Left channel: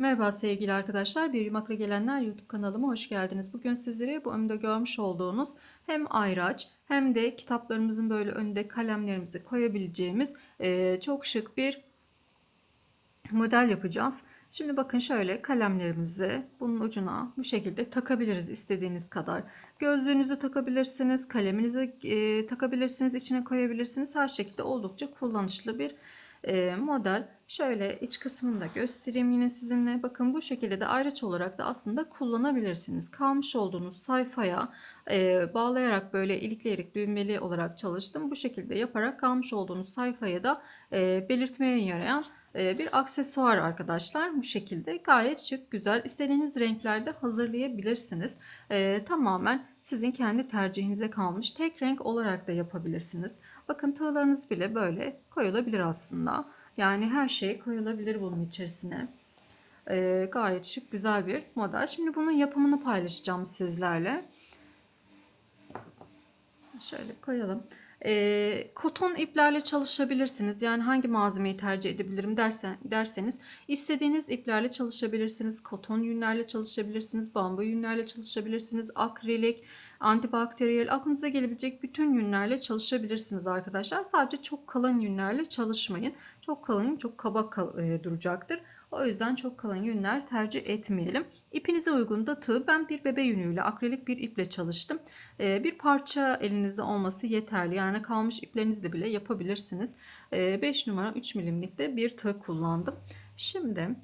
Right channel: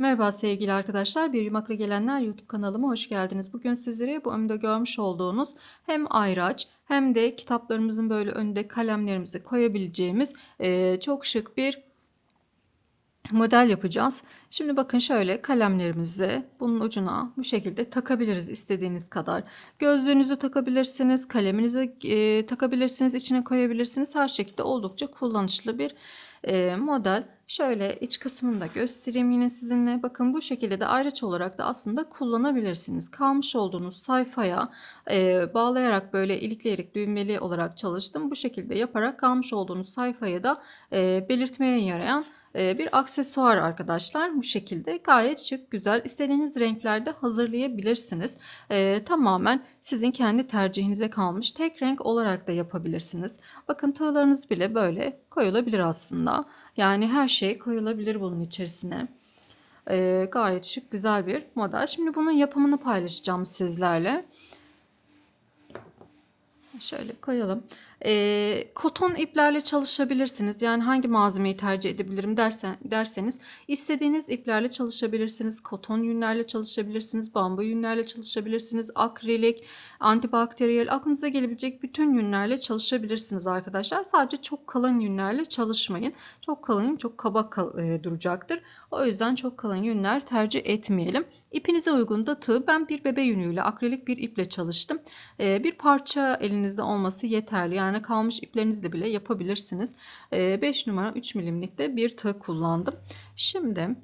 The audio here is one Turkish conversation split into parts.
Merhaba sevgili arkadaşlar, Bir Yumakla Gelenler YouTube kanalıma hoş geldiniz. Bugün sizlere bu önümde görmüş olduğunuz hem ayraç hem de kitaplarımızın böyle önünde kalemlerimizi koyabileceğimiz çok şık bir model yapacağız. Şimdi bakın şöyle kalemlerimizi bunun ucuna bu şekilde takabiliriz istediğiniz kadar. Gözlüğünüzü takabilirsiniz, kaleminizi takabilirsiniz, içine koyabilirsiniz. Her şekilde oldukça kullanışlı bir model. Şöyle iç kısmını da göstereyim yine sizinle. Bakın bu şekilde de ayraç olarak da aslında kullanabilirsiniz. Kalmış olduğunuz sayfaya bağlayarak böyle ilikleyerek düğmeli olarak çalıştım. Bu şekilde yaparak kalmış olduğunuz sayfaya da belirtmeye yarayan bir aksesuar arkadaşlar. Bu şekilde gayet şık, güzel. İstediğiniz renklerde hazırlayabilirsiniz. Tamamen sizin kendi tercihinize kalmış. Tek renk olarak da yapabilirsiniz. Bakın tığlarınız bile böyle koyulabilir aslında. Yani her şey koyulabilir bunun içerisine. Gayet şık, güzel bir model. Şimdi bunun yapımını paylaşacağım sizlerle. Şöyle koyalım. Koton iplerle çalışabilirsiniz. Yani hangi malzemeyi tercih edebilirim derseniz istediğiniz iplerle çalışabilirsiniz. Koton yünlerle çalışabilirsiniz. Bambu yünlerle çalışabilirsiniz. Akrilik, antibakteriyel aklınıza gelebilecek bütün yünlerle çalışabilirsiniz arkadaşlar. Sadece çok kalın yünlerle çalışmayın. Çok kalın, çok kaba duracaktır. O yüzden çok kalın yünler tercih etmeyelim. İpinize uygun da tığ. Ben bir bebe yünüyle, akrilik bir iple çalıştım. Bir parça elinizde olması yeterli. Yani kalmış iplerinizle bile yapabilirsiniz. 5 numara 3 milimlikte bir tığ kullandım. Şimdi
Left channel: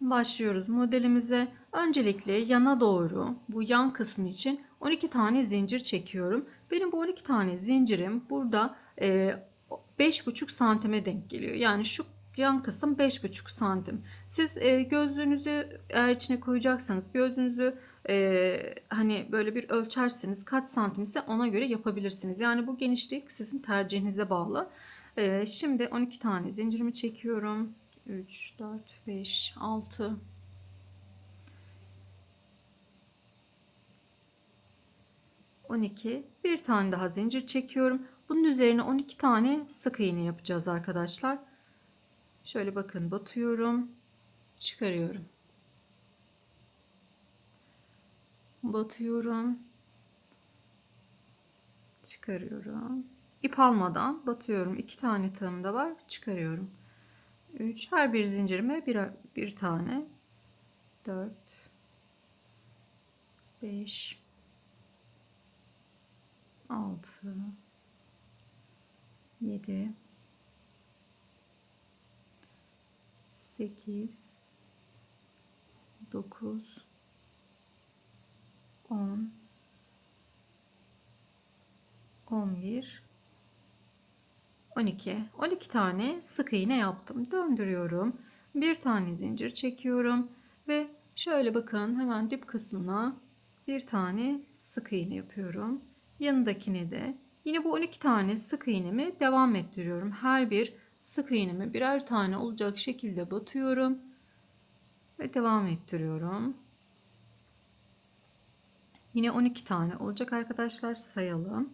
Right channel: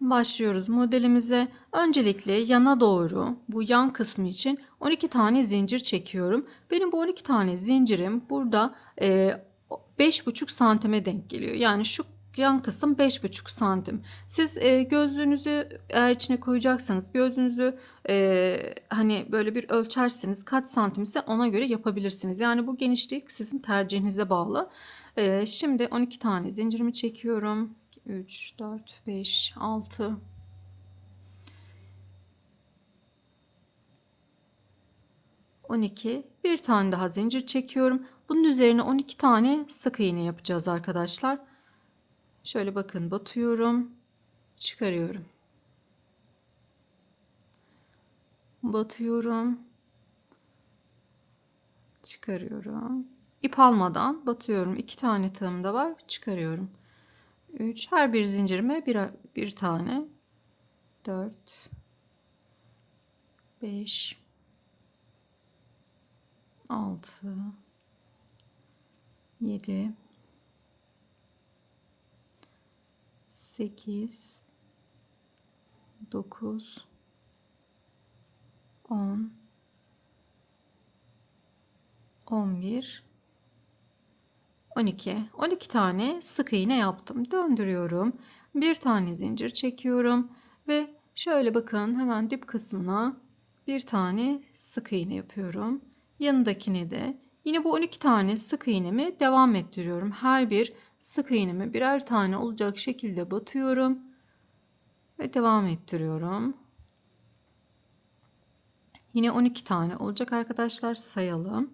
başlıyoruz modelimize. Öncelikle yana doğru bu yan kısmı için 12 tane zincir çekiyorum. Benim bu 12 tane zincirim burada 5,5 santime denk geliyor. Yani şu yan kısım 5,5 santim. Siz gözlüğünüzü eğer içine koyacaksanız gözlüğünüzü hani böyle bir ölçersiniz kaç santimse ona göre yapabilirsiniz. Yani bu genişlik sizin tercihinize bağlı. Şimdi 12 tane zincirimi çekiyorum. 3, 4, 5, 6, 12. Bir tane daha zincir çekiyorum. Bunun üzerine 12 tane sık iğne yapacağız arkadaşlar. Şöyle bakın batıyorum, çıkarıyorum. Batıyorum, çıkarıyorum. İp almadan batıyorum. 2 tane tığım da var, çıkarıyorum. 3. Her bir zincirime bir tane. 4, 5, 6, 7, 8, 9, 10, 11, 12. 12 tane sık iğne yaptım. Döndürüyorum. Bir tane zincir çekiyorum ve şöyle bakın hemen dip kısmına bir tane sık iğne yapıyorum. Yanındakine de yine bu 12 tane sık iğnemi devam ettiriyorum. Her bir sık iğnemi birer tane olacak şekilde batıyorum ve devam ettiriyorum. Yine 12 tane olacak arkadaşlar, sayalım.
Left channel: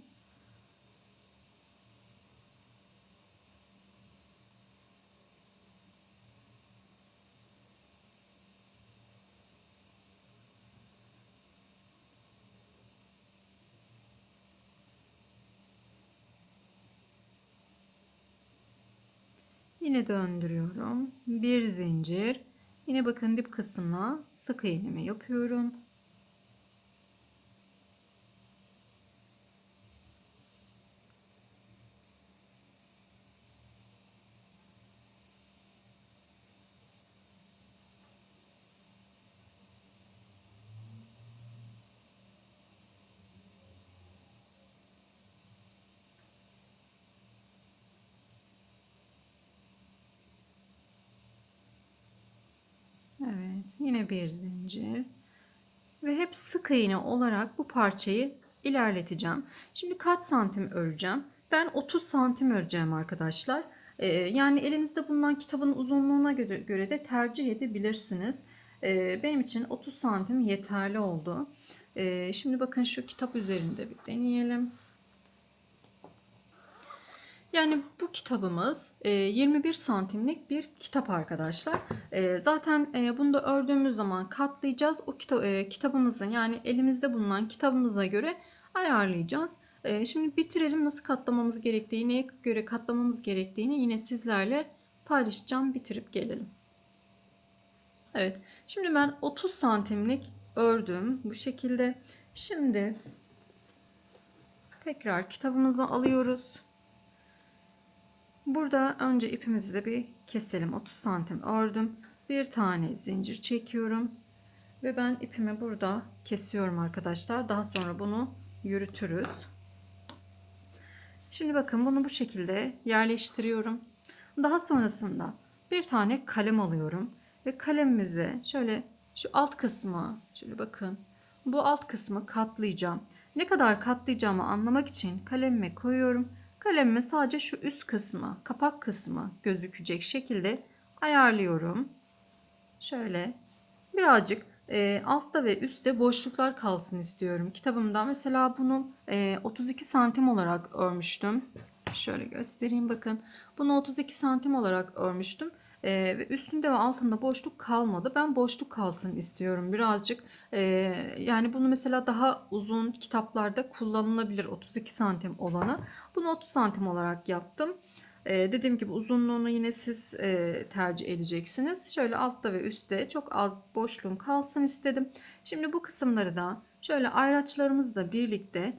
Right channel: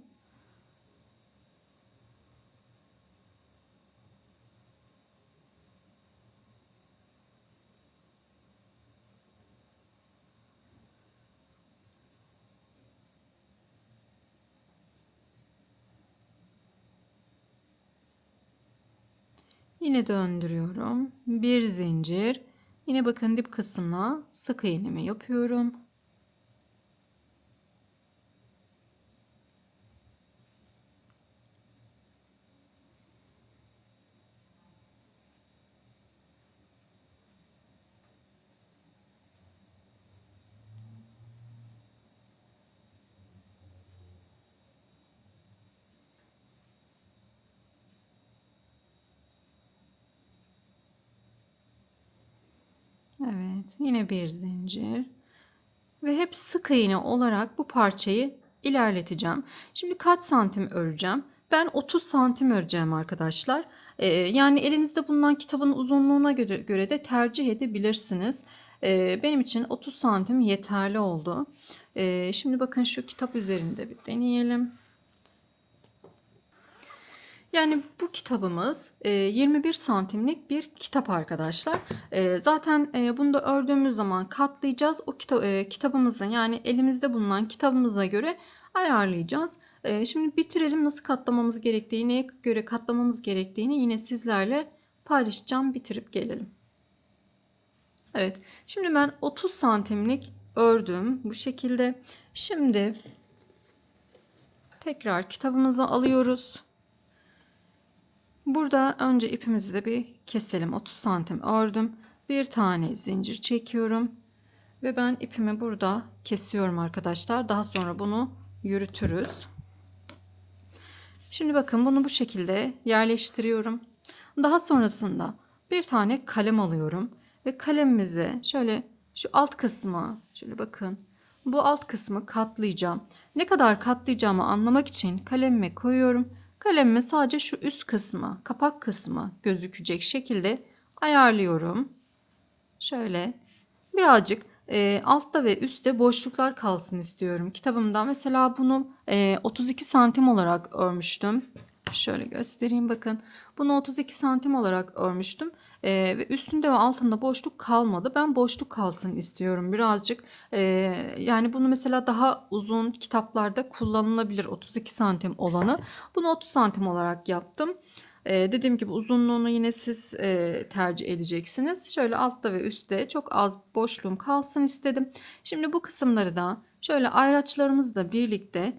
Yine döndürüyorum. Bir zincir. Yine bakın dip kısmına sık iğnemi yapıyorum. Evet, yine bir zincir ve hep sık iğne olarak bu parçayı ilerleteceğim. Şimdi kaç santim öreceğim? Ben 30 santim öreceğim arkadaşlar. Yani elinizde bulunan kitabın uzunluğuna göre de tercih edebilirsiniz. Benim için 30 santim yeterli oldu. Şimdi bakın şu kitap üzerinde bir deneyelim. Yani bu kitabımız 21 santimlik bir kitap arkadaşlar. Zaten bunu da ördüğümüz zaman katlayacağız. O kitabımızın, yani elimizde bulunan kitabımıza göre ayarlayacağız. Şimdi bitirelim, nasıl katlamamız gerektiğini, neye göre katlamamız gerektiğini yine sizlerle paylaşacağım. Bitirip gelelim. Evet, şimdi ben 30 santimlik ördüm bu şekilde. Şimdi tekrar kitabımızı alıyoruz. Burada önce ipimizi de bir keselim. 30 santim ördüm. Bir tane zincir çekiyorum. Ve ben ipimi burada kesiyorum arkadaşlar. Daha sonra bunu yürütürüz. Şimdi bakın, bunu bu şekilde yerleştiriyorum. Daha sonrasında bir tane kalem alıyorum. Ve kalemimizi şöyle şu alt kısmı, şöyle bakın, bu alt kısmı katlayacağım. Ne kadar katlayacağımı anlamak için kalemime koyuyorum. Kalemime sadece şu üst kısmı, kapak kısmı gözükecek şekilde ayarlıyorum. Şöyle birazcık altta ve üstte boşluklar kalsın istiyorum kitabımda. Mesela bunu 32 santim olarak örmüştüm. Şöyle göstereyim, bakın. Bunu 32 santim olarak örmüştüm. Ve üstünde ve altında boşluk kalmadı. Ben boşluk kalsın istiyorum birazcık. Yani bunu mesela daha uzun kitaplarda kullanılabilir, 32 santim olanı. Bunu 30 santim olarak yaptım. Dediğim gibi uzunluğunu yine siz tercih edeceksiniz. Şöyle altta ve üstte çok az boşluğum kalsın istedim. Şimdi bu kısımları da şöyle ayraçlarımızla birlikte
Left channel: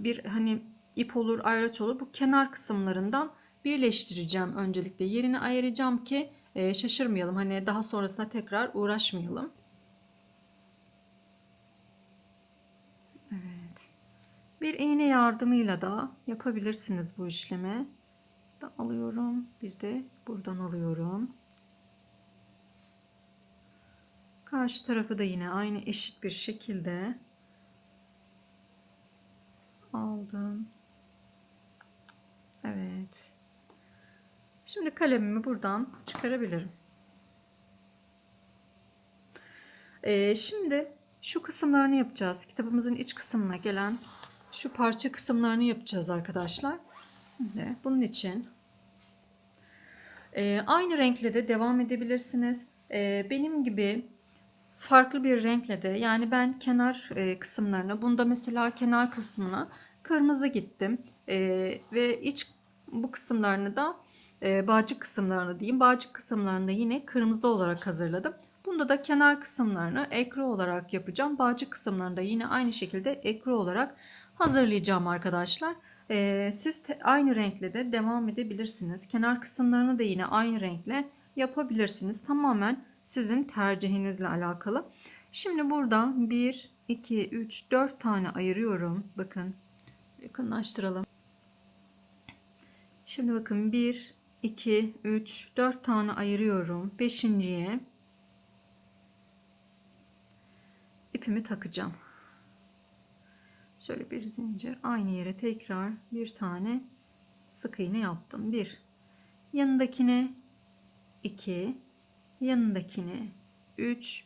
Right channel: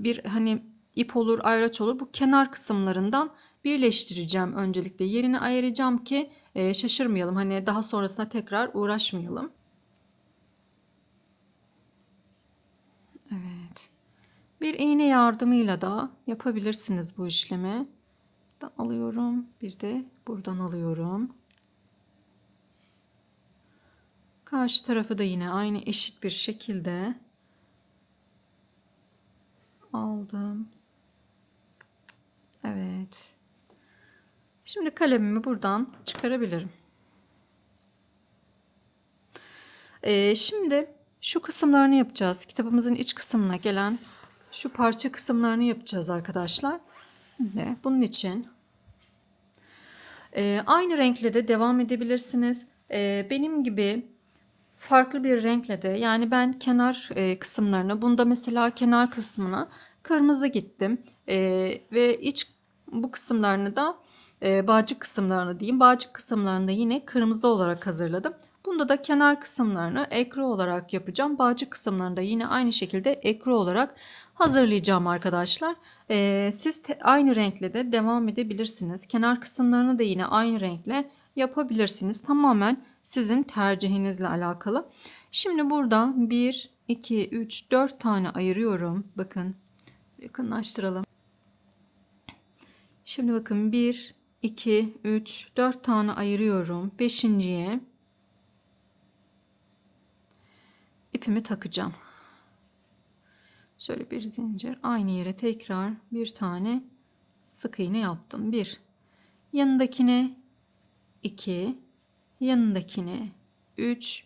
bir hani ip olur, ayraç olur. Bu kenar kısımlarından birleştireceğim öncelikle. Yerini ayıracağım ki şaşırmayalım. Hani daha sonrasında tekrar uğraşmayalım. Evet. Bir iğne yardımıyla da yapabilirsiniz bu işlemi. Buradan alıyorum. Bir de buradan alıyorum. Karşı tarafı da yine aynı eşit bir şekilde aldım. Evet. Şimdi kalemimi buradan çıkarabilirim. Şimdi şu kısımlarını yapacağız. Kitabımızın iç kısmına gelen şu parça kısımlarını yapacağız arkadaşlar. Şimdi bunun için aynı renkle de devam edebilirsiniz. Benim gibi farklı bir renkle de, yani ben kenar kısımlarını, bunda mesela kenar kısmına kırmızı gittim. Ve iç bu kısımlarını da bağcık kısımlarını diyeyim. Bağcık kısımlarını da yine kırmızı olarak hazırladım. Bunda da kenar kısımlarını ekru olarak yapacağım. Bağcık kısımlarını da yine aynı şekilde ekru olarak hazırlayacağım arkadaşlar. Siz aynı renkle de devam edebilirsiniz. Kenar kısımlarını da yine aynı renkle yapabilirsiniz. Tamamen sizin tercihinizle alakalı. Şimdi burada 1, 2, 3, 4 tane ayırıyorum. Bakın, yakınlaştıralım. Şimdi bakın 1, 2, 3, 4 tane ayırıyorum. Beşinciye ipimi takacağım. Şöyle bir zincir, aynı yere tekrar bir tane sık iğne yaptım. 1, yanındakine 2, yanındakine 3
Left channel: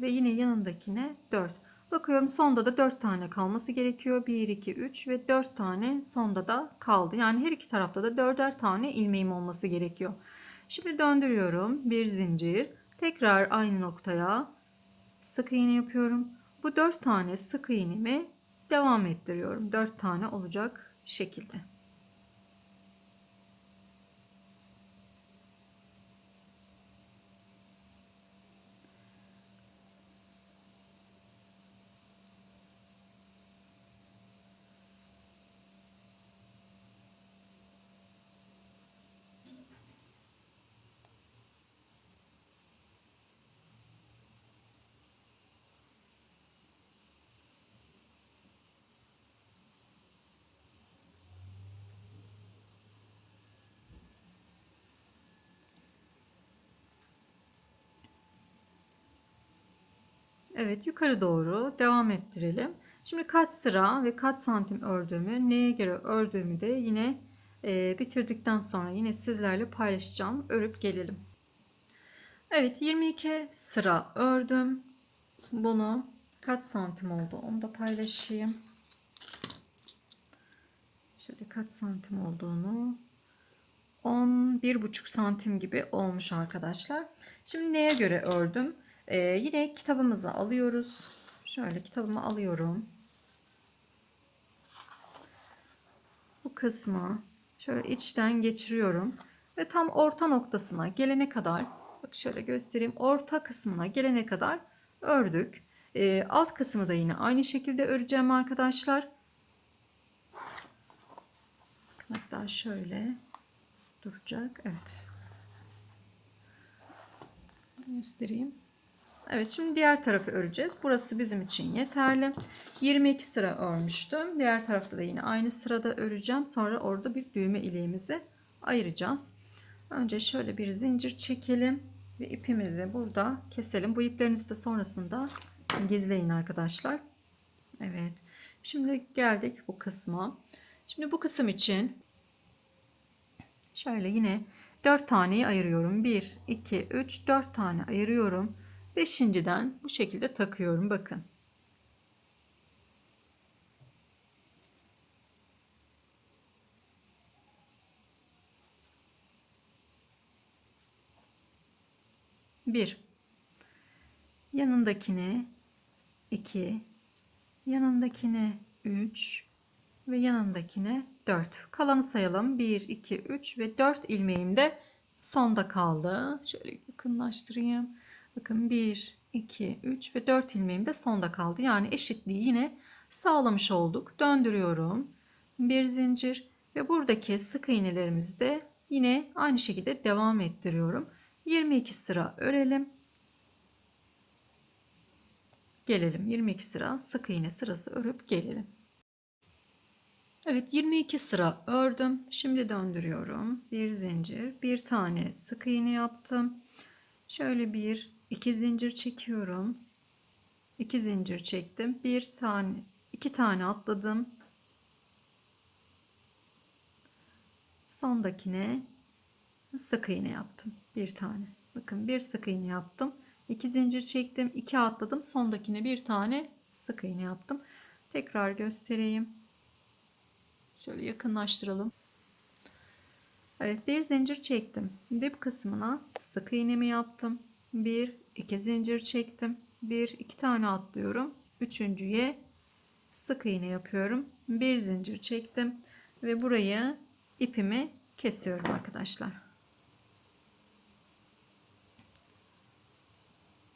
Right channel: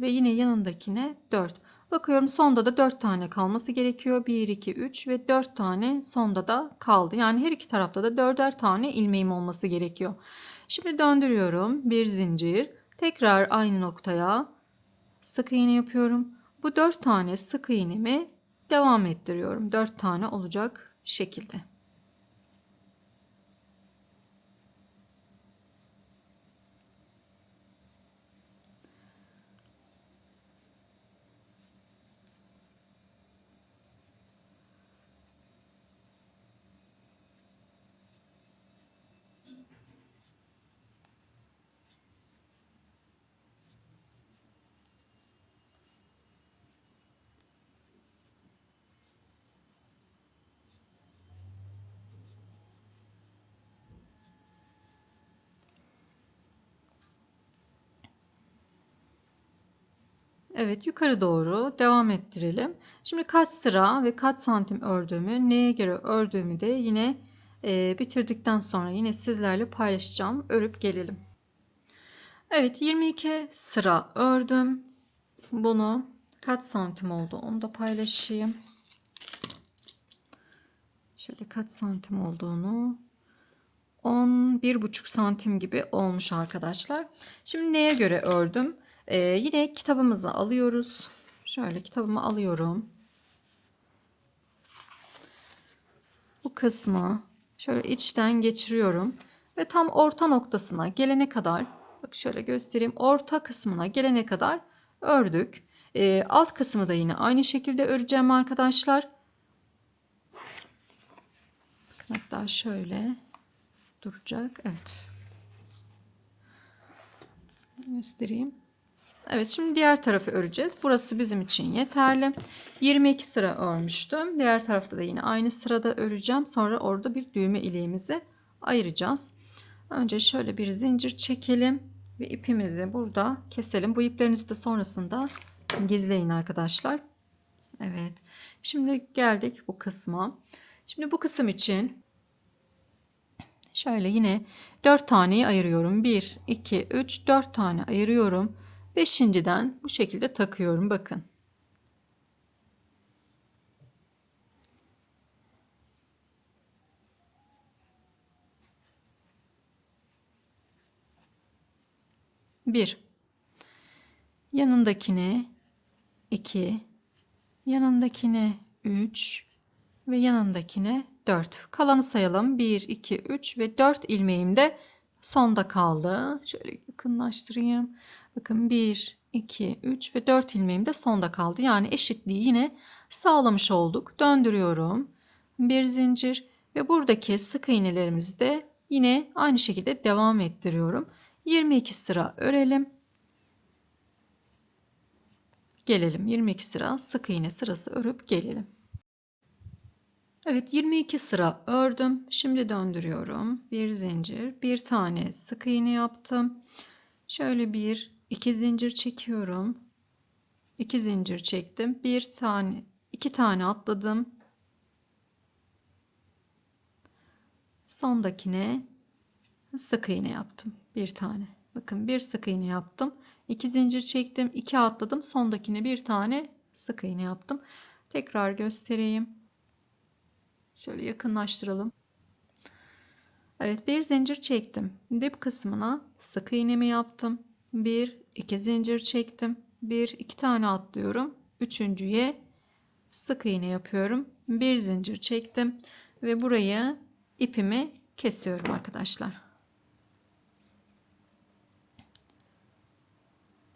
ve yine yanındakine 4. Bakıyorum sonda da 4 tane kalması gerekiyor. 1, 2, 3 ve 4 tane sonda da kaldı. Yani her iki tarafta da 4'er tane ilmeğim olması gerekiyor. Şimdi döndürüyorum. Bir zincir. Tekrar aynı noktaya sık iğne yapıyorum. Bu 4 tane sık iğnemi devam ettiriyorum. 4 tane olacak şekilde. Evet, yukarı doğru devam ettirelim. Şimdi kaç sıra ve kaç santim ördüğümü, neye göre ördüğümü de yine bitirdikten sonra yine sizlerle paylaşacağım. Örüp gelelim. Evet, 22 sıra ördüm. Bunu kaç santim oldu onu da paylaşayım. Şöyle kaç santim olduğunu, 11,5 santim gibi olmuş arkadaşlar. Şimdi neye göre ördüm? Yine kitabımızı alıyoruz. Şöyle kitabımı alıyorum. Bu kısmı şöyle içten geçiriyorum ve tam orta noktasına gelene kadar, bak şöyle göstereyim, orta kısmına gelene kadar ördük. Alt kısmı da yine aynı şekilde öreceğim arkadaşlar. Hatta şöyle duracak. Evet. Göstereyim. Evet, şimdi diğer tarafı öreceğiz. Burası bizim için yeterli. 22 sıra örmüştüm. Diğer tarafta da yine aynı sırada öreceğim. Sonra orada bir düğme iliğimizi ayıracağız. Önce şöyle bir zincir çekelim ve ipimizi burada keselim. Bu iplerinizi de sonrasında gizleyin arkadaşlar. Evet. Şimdi geldik bu kısma. Şimdi bu kısım için şöyle yine 4 taneyi ayırıyorum. 1, 2, 3, 4 tane ayırıyorum. Beşinciden bu şekilde takıyorum. Bakın. Bir. Yanındakine 2. Yanındakine 3. Ve yanındakine 4. Kalanı sayalım. 1, 2, 3 ve 4 ilmeğim de sonda kaldı. Şöyle yakınlaştırayım. Bakın 1, 2, 3 ve 4 ilmeğim de sonda kaldı. Yani eşitliği yine sağlamış olduk. Döndürüyorum. Bir zincir ve buradaki sık iğnelerimizi de yine aynı şekilde devam ettiriyorum. 22 sıra örelim. Gelelim 22 sıra sık iğne sırası örüp gelelim. Evet, 22 sıra ördüm. Şimdi döndürüyorum. Bir zincir, bir tane sık iğne yaptım. Şöyle bir, iki zincir çekiyorum. İki zincir çektim. Bir tane, iki tane atladım. Sondakine sık iğne yaptım. Bir tane. Bakın bir sık iğne yaptım. İki zincir çektim. İki atladım. Sondakine bir tane sık iğne yaptım. Tekrar göstereyim. Şöyle yakınlaştıralım. Evet, bir zincir çektim. Dip kısmına sık iğnemi yaptım. Bir, iki zincir çektim. Bir, iki tane atlıyorum. Üçüncüye sık iğne yapıyorum. Bir zincir çektim ve buraya ipimi kesiyorum arkadaşlar.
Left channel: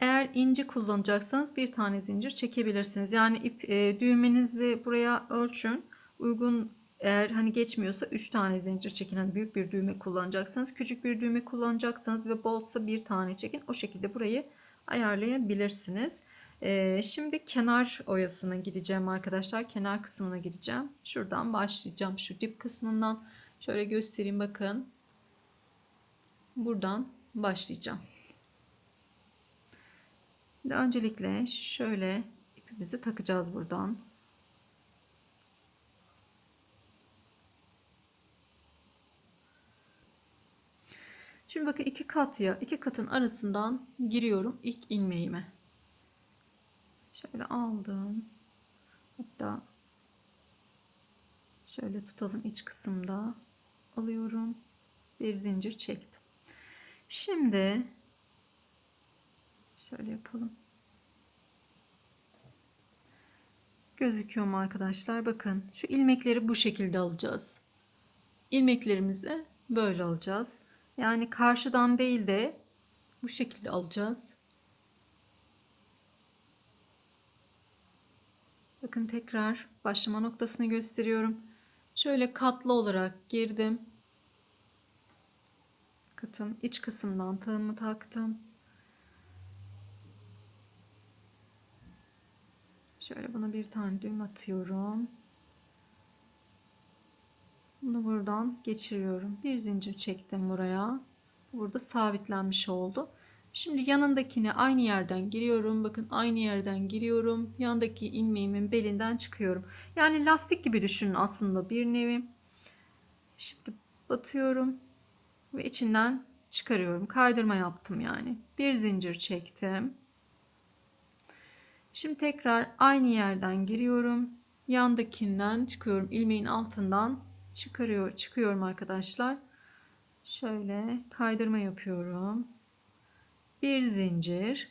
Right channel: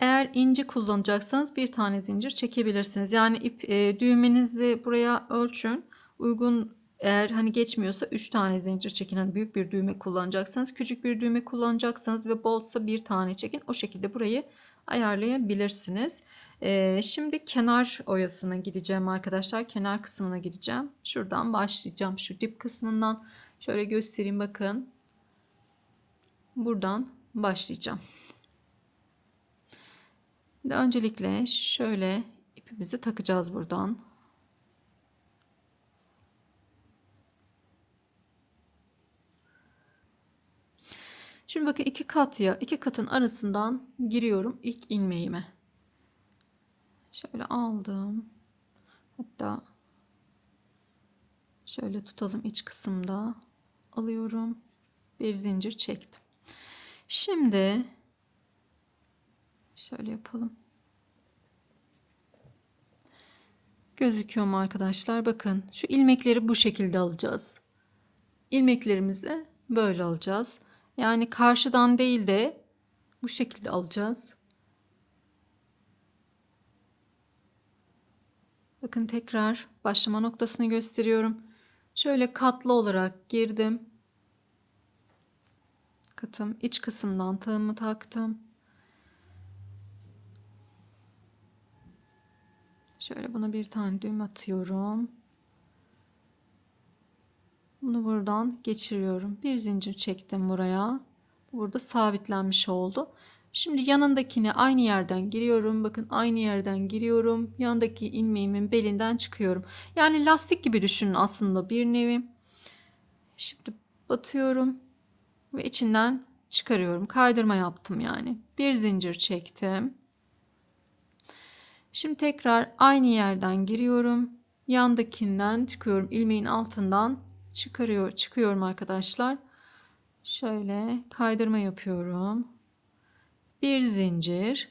Eğer ince kullanacaksanız bir tane zincir çekebilirsiniz. Yani düğmenizi buraya ölçün. Uygun, eğer hani geçmiyorsa 3 tane zincir çekin. Hani büyük bir düğme kullanacaksanız, küçük bir düğme kullanacaksanız ve bolsa bir tane çekin. O şekilde burayı ayarlayabilirsiniz. Şimdi kenar oyasına gideceğim arkadaşlar. Kenar kısmına gideceğim. Şuradan başlayacağım. Şu dip kısmından şöyle göstereyim, bakın. Buradan başlayacağım. Öncelikle şöyle ipimizi takacağız buradan. Şimdi bakın iki kat ya, iki katın arasından giriyorum ilk ilmeğime. Şöyle aldım. Hatta şöyle tutalım, iç kısımda alıyorum. Bir zincir çektim. Şimdi şöyle yapalım. Gözüküyor mu arkadaşlar? Bakın şu ilmekleri bu şekilde alacağız. İlmeklerimizi böyle alacağız. Yani karşıdan değil de bu şekilde alacağız. Bakın tekrar başlama noktasını gösteriyorum. Şöyle katlı olarak girdim. Katım iç kısımdan tığımı taktım. Şöyle buna bir tane düğüm atıyorum. Bunu buradan geçiriyorum. Bir zincir çektim buraya. Burada sabitlenmiş oldu. Şimdi yanındakine aynı yerden giriyorum. Bakın aynı yerden giriyorum. Yandaki ilmeğimin belinden çıkıyorum. Yani lastik gibi düşünün aslında bir nevi. Şimdi batıyorum ve içinden çıkarıyorum. Kaydırma yaptım yani. Bir zincir çektim. Şimdi tekrar aynı yerden giriyorum. Yandakinden çıkıyorum. İlmeğin altından çıkıyorum arkadaşlar. Şöyle kaydırma yapıyorum. Bir zincir.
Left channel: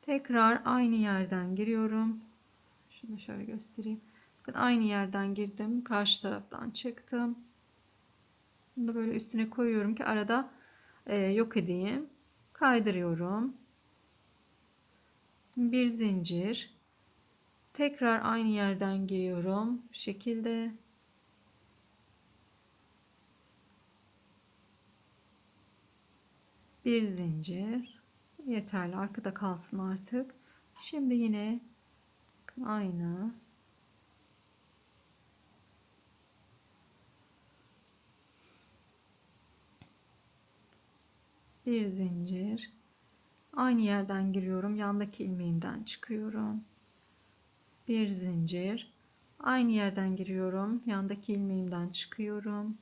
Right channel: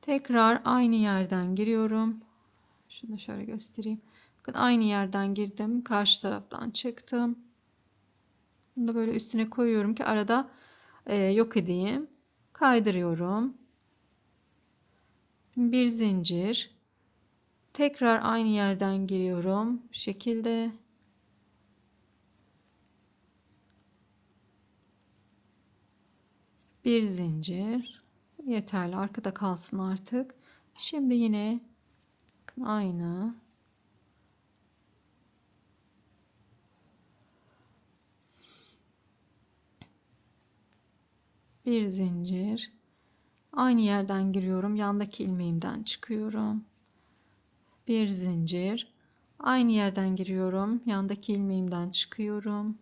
Tekrar aynı yerden giriyorum. Şunu şöyle göstereyim. Bakın aynı yerden girdim. Karşı taraftan çıktım. Bunu da böyle üstüne koyuyorum ki arada yok edeyim. Kaydırıyorum. Bir zincir. Tekrar aynı yerden giriyorum. Bu şekilde. Bir zincir. Yeterli. Arkada kalsın artık. Şimdi yine aynı. Bir zincir. Aynı yerden giriyorum. Yandaki ilmeğimden çıkıyorum. Bir zincir. Aynı yerden giriyorum. Yandaki ilmeğimden çıkıyorum.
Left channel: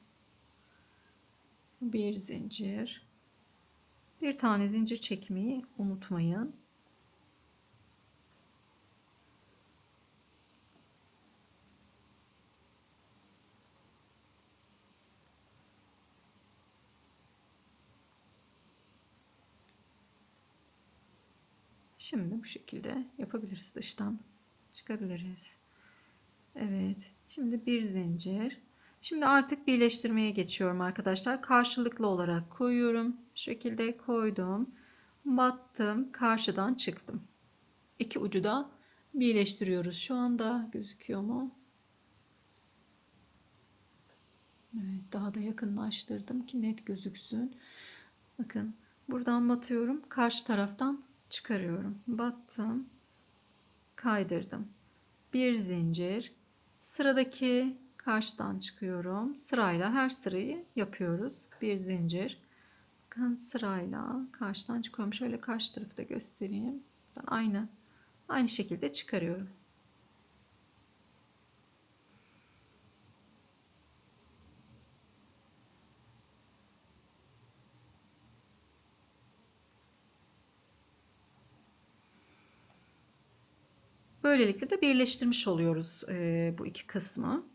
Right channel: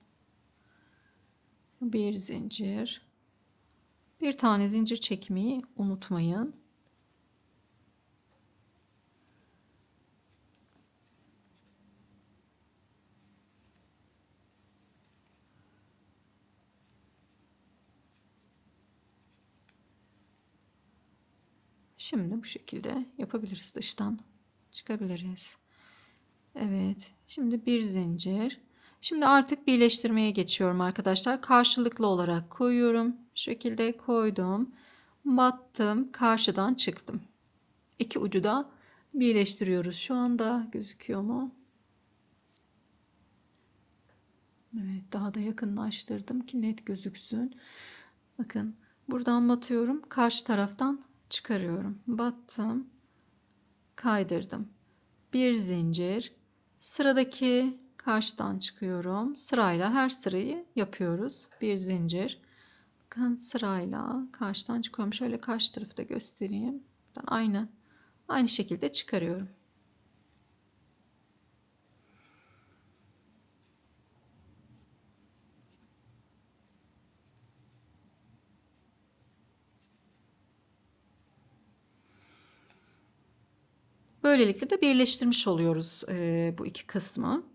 Bir zincir. Bir tane zincir çekmeyi unutmayın. Şimdi bu şekilde yapabiliriz. Dıştan çıkabiliriz. Evet. Şimdi bir zincir. Şimdi artık birleştirmeye geçiyorum arkadaşlar. Karşılıklı olarak koyuyorum. Şu şekilde koydum. Battım. Karşıdan çıktım. İki ucu da birleştiriyoruz. Şu anda gözüküyor mu? Evet, daha da yakınlaştırdım ki net gözüksün. Bakın buradan batıyorum. Karşı taraftan çıkarıyorum. Battım. Kaydırdım. Bir zincir. Sıradaki karşıdan çıkıyorum. Sırayla her sırayı yapıyoruz. Bir zincir. Bakın sırayla karşıdan çıkıyorum. Şöyle karşı tarafı da göstereyim. Aynı şekilde çıkarıyorum. Böylelikle de birleştirmiş oluyoruz bu iki kısmı.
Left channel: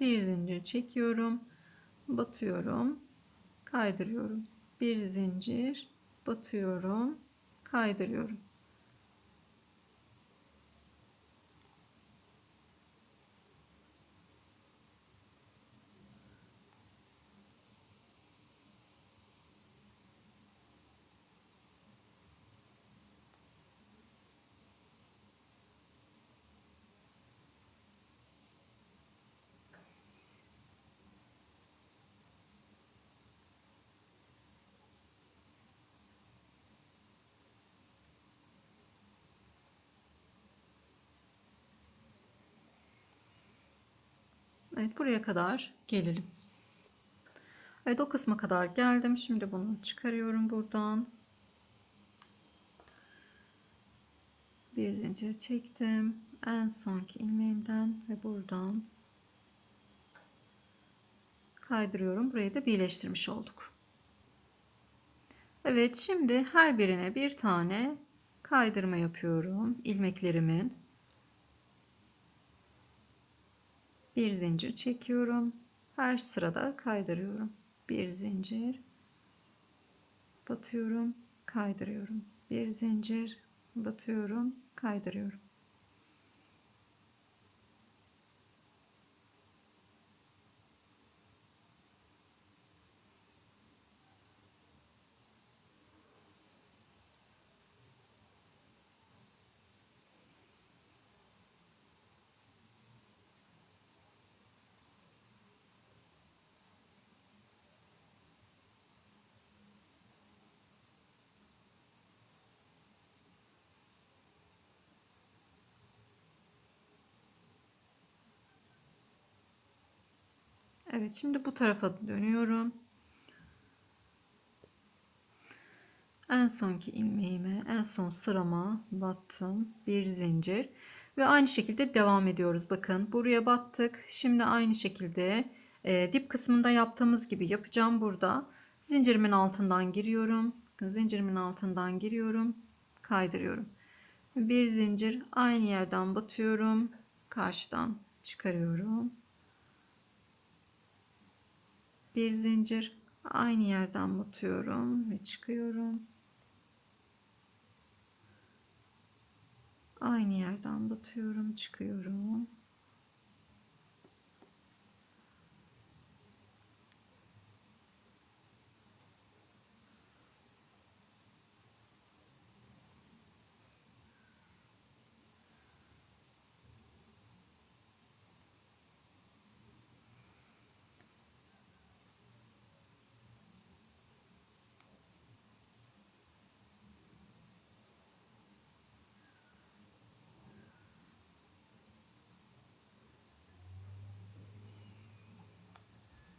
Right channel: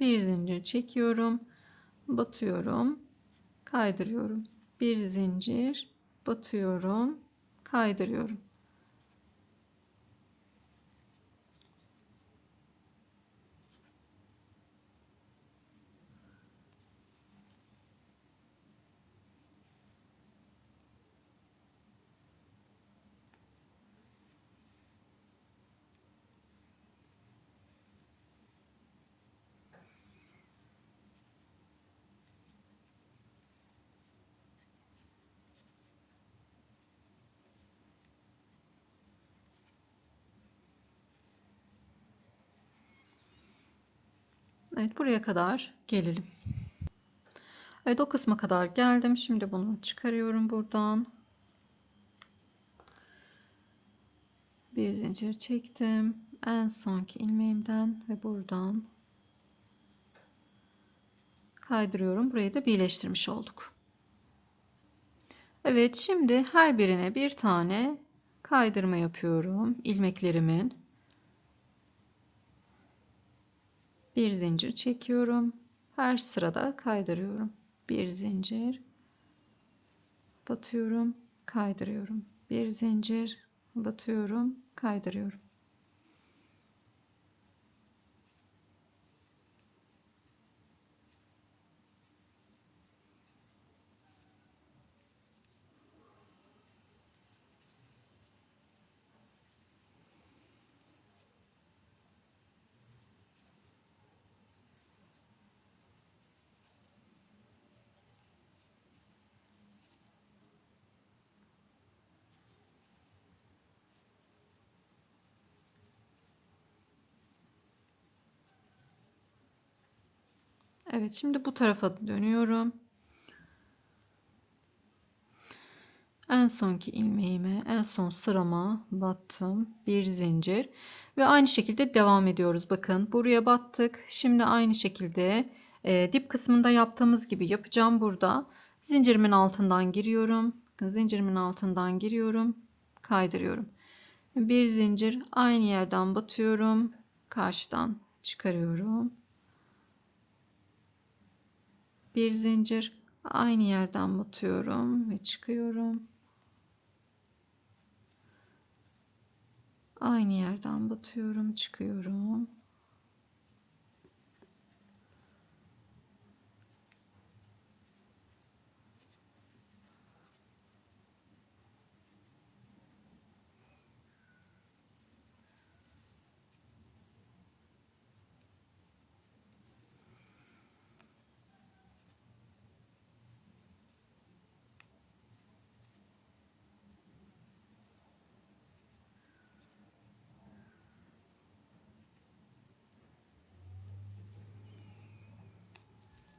Bir zincir çekiyorum, batıyorum, kaydırıyorum. Bir zincir, batıyorum, kaydırıyorum. Evet, buraya kadar gelelim. Evet, o kısma kadar geldim. Şimdi bunu çıkarıyorum buradan. Bir zincir çektim. En sonki ilmeğimden ve buradan kaydırıyorum. Burayı da birleştirmiş olduk. Evet, şimdi her birine bir tane kaydırma yapıyorum ilmeklerimin. Bir zincir çekiyorum. Her sırada kaydırıyorum. Bir zincir batıyorum, kaydırıyorum. Bir zincir batıyorum, kaydırıyorum. Evet, şimdi bu tarafa dönüyorum. En sonki ilmeğime, en son sırama battım. Bir zincir ve aynı şekilde devam ediyoruz. Bakın buraya battık. Şimdi aynı şekilde dip kısmında yaptığımız gibi yapacağım burada. Zincirimin altından giriyorum. Zincirimin altından giriyorum. Kaydırıyorum. Bir zincir, aynı yerden batıyorum. Karşıdan çıkarıyorum. Bir zincir, aynı yerden batıyorum ve çıkıyorum. Aynı yerden batıyorum, çıkıyorum.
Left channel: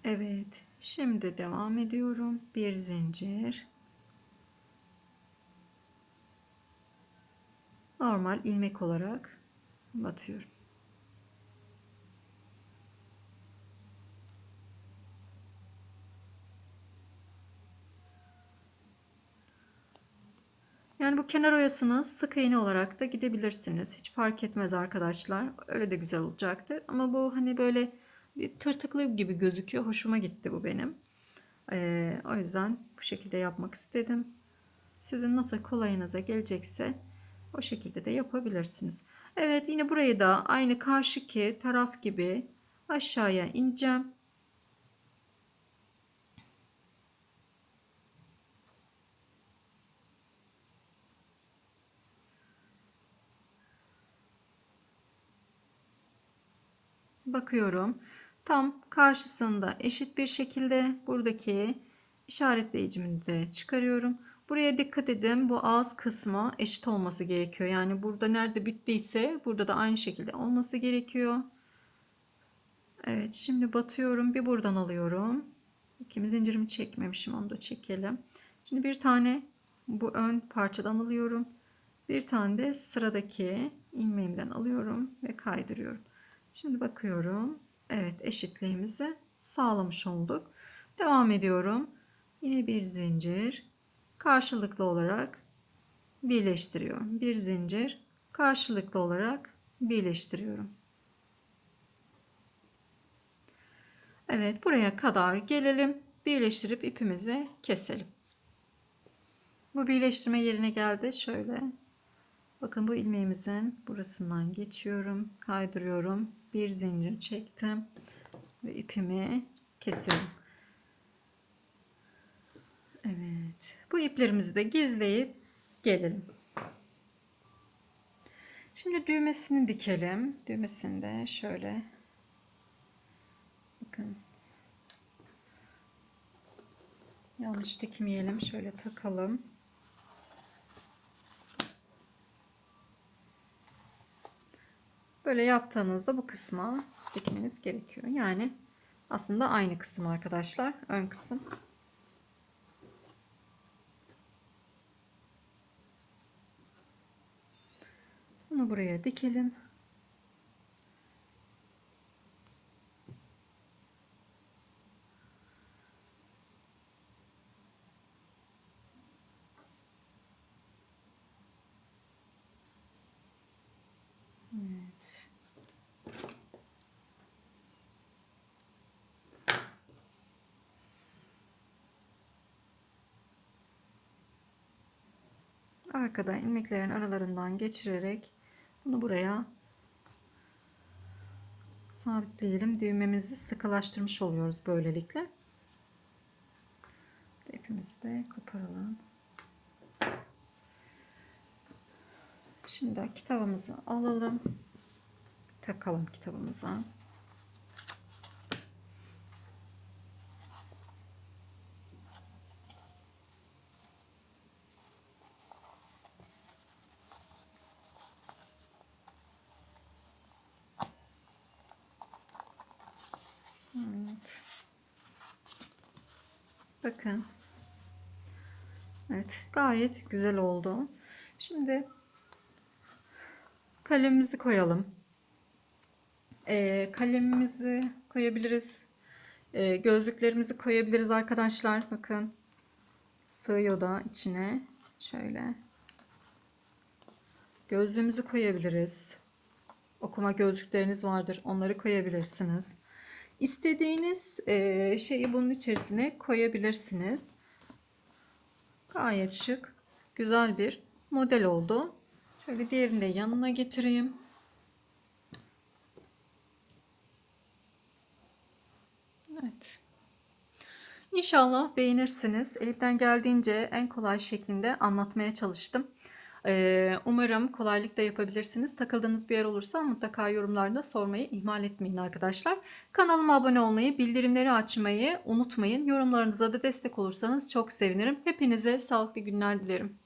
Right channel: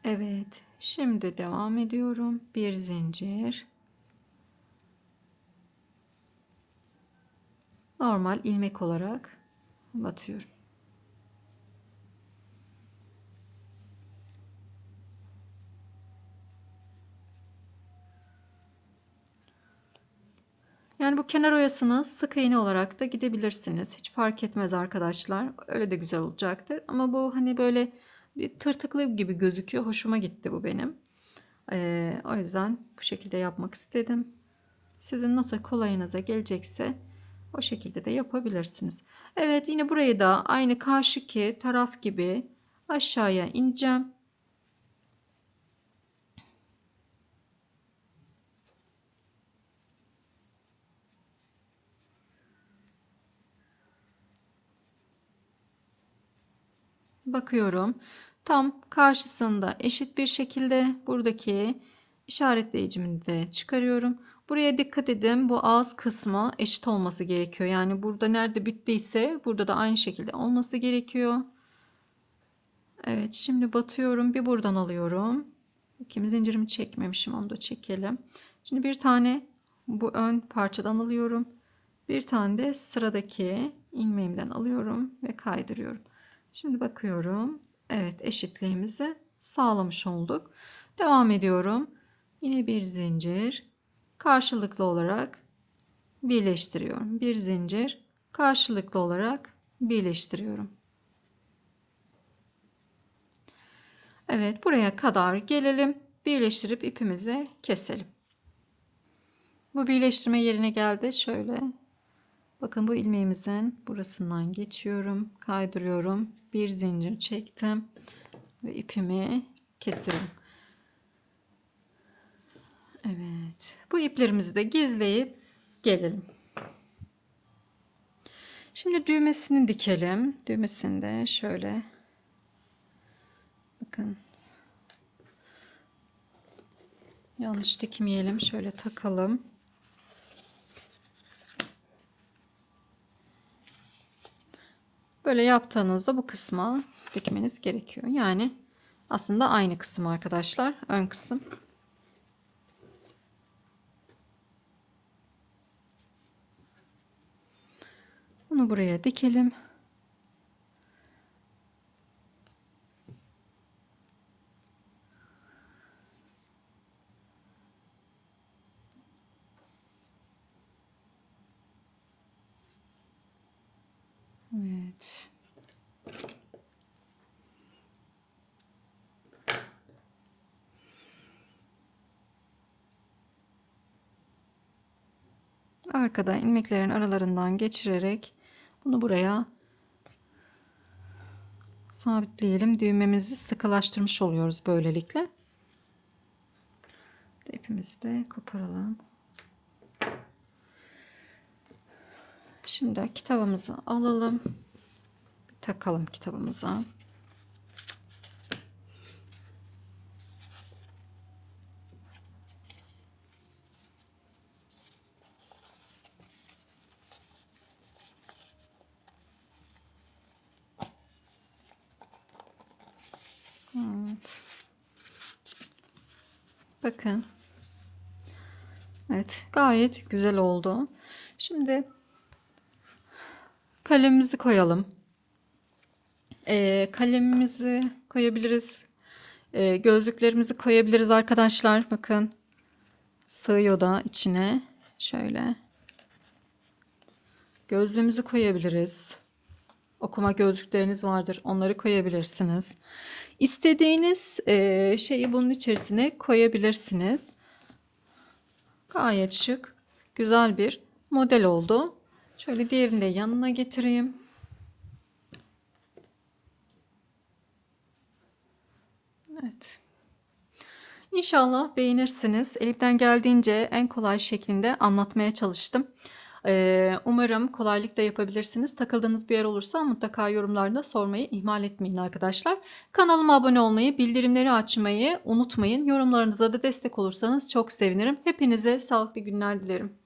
Evet, şimdi devam ediyorum. Bir zincir. Normal ilmek olarak batıyorum. Yani bu kenar oyasını sık iğne olarak da gidebilirsiniz. Hiç fark etmez arkadaşlar. Öyle de güzel olacaktır. Ama bu hani böyle bir tırtıklı gibi gözüküyor. Hoşuma gitti bu benim. O yüzden bu şekilde yapmak istedim. Sizin nasıl kolayınıza gelecekse o şekilde de yapabilirsiniz. Evet, yine burayı da aynı karşıki taraf gibi aşağıya ineceğim. Bakıyorum. Tam karşısında eşit bir şekilde buradaki işaretleyicimi de çıkarıyorum. Buraya dikkat edin. Bu ağız kısmı eşit olması gerekiyor. Yani burada nerede bittiyse burada da aynı şekilde olması gerekiyor. Evet, şimdi batıyorum. Bir buradan alıyorum. İkimiz zincirimi çekmemişim. Onu da çekelim. Şimdi bir tane bu ön parçadan alıyorum. Bir tane de sıradaki ilmeğimden alıyorum ve kaydırıyorum. Şimdi bakıyorum. Evet, eşitliğimizi sağlamış olduk. Devam ediyorum. Yine bir zincir. Karşılıklı olarak birleştiriyorum. Bir zincir. Karşılıklı olarak birleştiriyorum. Evet, buraya kadar gelelim. Birleştirip ipimizi keselim. Bu birleştirme yerine geldi. Şöyle. Bakın bu ilmeğimizin burasından geçiyorum. Kaydırıyorum. Bir zincir çektim. Ve ipimi kesiyorum. Evet. Bu iplerimizi de gizleyip gelelim. Şimdi düğmesini dikelim. Düğmesini de şöyle. Bakın. Yanlış dikmeyelim. Şöyle takalım. Böyle yaptığınızda bu kısma dikmeniz gerekiyor. Yani aslında aynı kısım arkadaşlar. Ön kısım. Bunu buraya dikelim. Evet. Arkada ilmeklerin aralarından geçirerek bunu buraya sabitleyelim. Düğmemizi sıkılaştırmış oluyoruz böylelikle. İpimizi de koparalım. Şimdi kitabımızı alalım. Takalım kitabımıza. Evet. Bakın. Evet, gayet güzel oldu. Şimdi kalemimizi koyalım. Kalemimizi koyabiliriz. Gözlüklerimizi koyabiliriz arkadaşlar. Bakın. Sığıyor da içine. Şöyle. Gözlüğümüzü koyabiliriz. Okuma gözlükleriniz vardır. Onları koyabilirsiniz. İstediğiniz şeyi bunun içerisine koyabilirsiniz. Gayet şık, güzel bir model oldu. Şöyle diğerini de yanına getireyim. Evet. İnşallah beğenirsiniz. Elimden geldiğince en kolay şeklinde anlatmaya çalıştım. Umarım kolaylıkla yapabilirsiniz. Takıldığınız bir yer olursa mutlaka yorumlarda sormayı ihmal etmeyin arkadaşlar. Kanalıma abone olmayı, bildirimleri açmayı unutmayın. Yorumlarınıza da destek olursanız çok sevinirim. Hepinize sağlıklı günler dilerim.